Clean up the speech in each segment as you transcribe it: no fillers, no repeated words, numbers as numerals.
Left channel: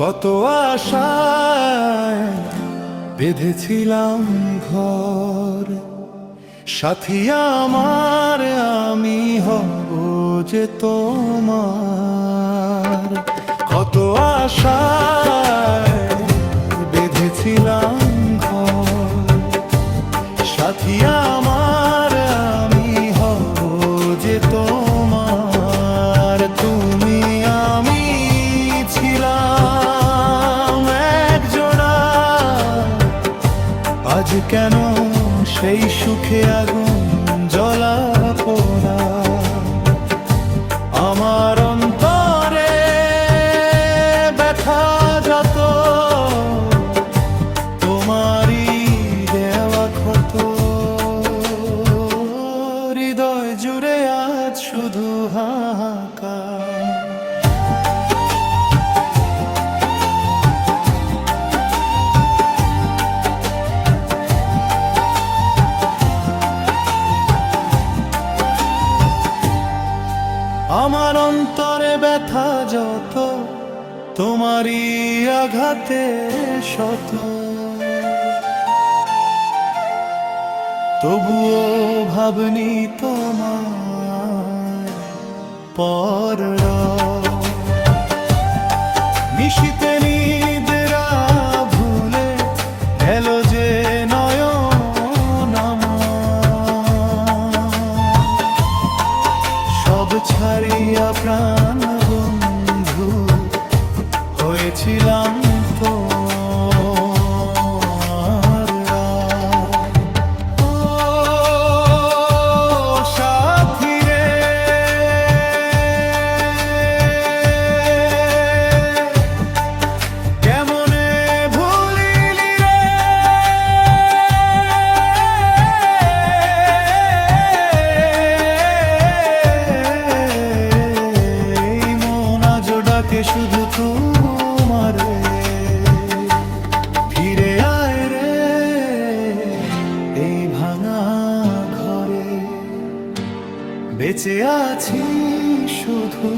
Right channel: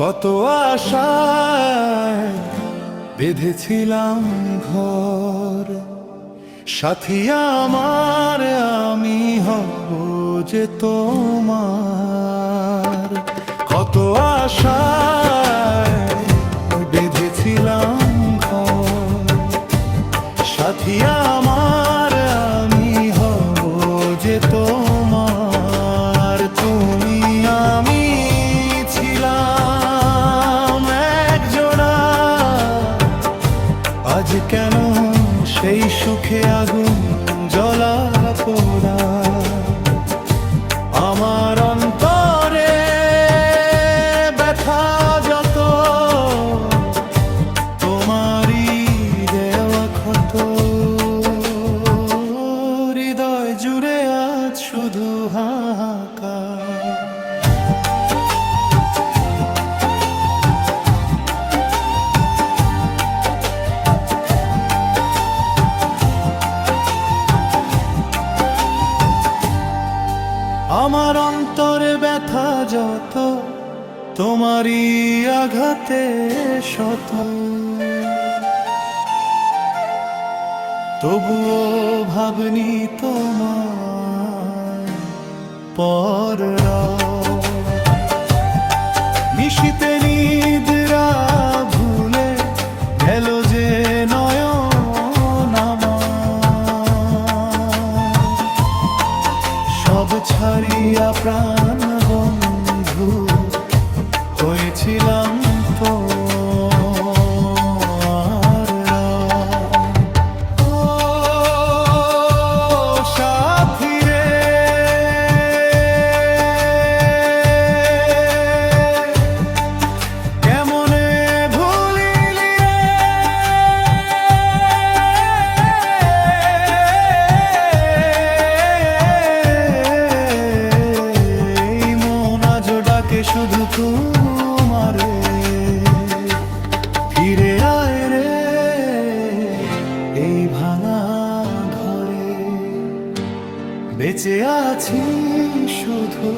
কত আশায় বেঁধেছিলাম ঘর, সাথী আমার আমি হব যে তোমার। কত আশায় বেঁধেছিলাম ঘর, সাথী আমার আমি হব যে তোমার। তুমি আমি ছিলাম এক জোড়া, আজ কেন সেই সুখে আগুন জ্বলা পোড়া। আমার অন্তরে ব্যথা যত, তোমারই দেওয়া ক্ষত। হৃদয় জুড়ে আজ শুধু হাহাকার। আমার অন্তরে ব্যথা যত, তোমারই আঘাতে শত। তবুও ভাবনি তোমায় পর। নিশীতে নিদ্রা ভুলে গেল যে নয়ন আমার। সব ছাড়িয়া প্রাণ বন্ধু হয়েছিলাম তো। ও সাথী রে, কেমনে ভুলিলি রে, এই মন আজ ডাকে শুধু তোমারে। ফিরে আয় রে এই ভাঙা ঘরে, বেঁচে আছি শুধু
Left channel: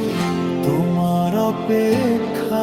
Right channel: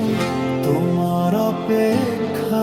তোমার অপেক্ষারে।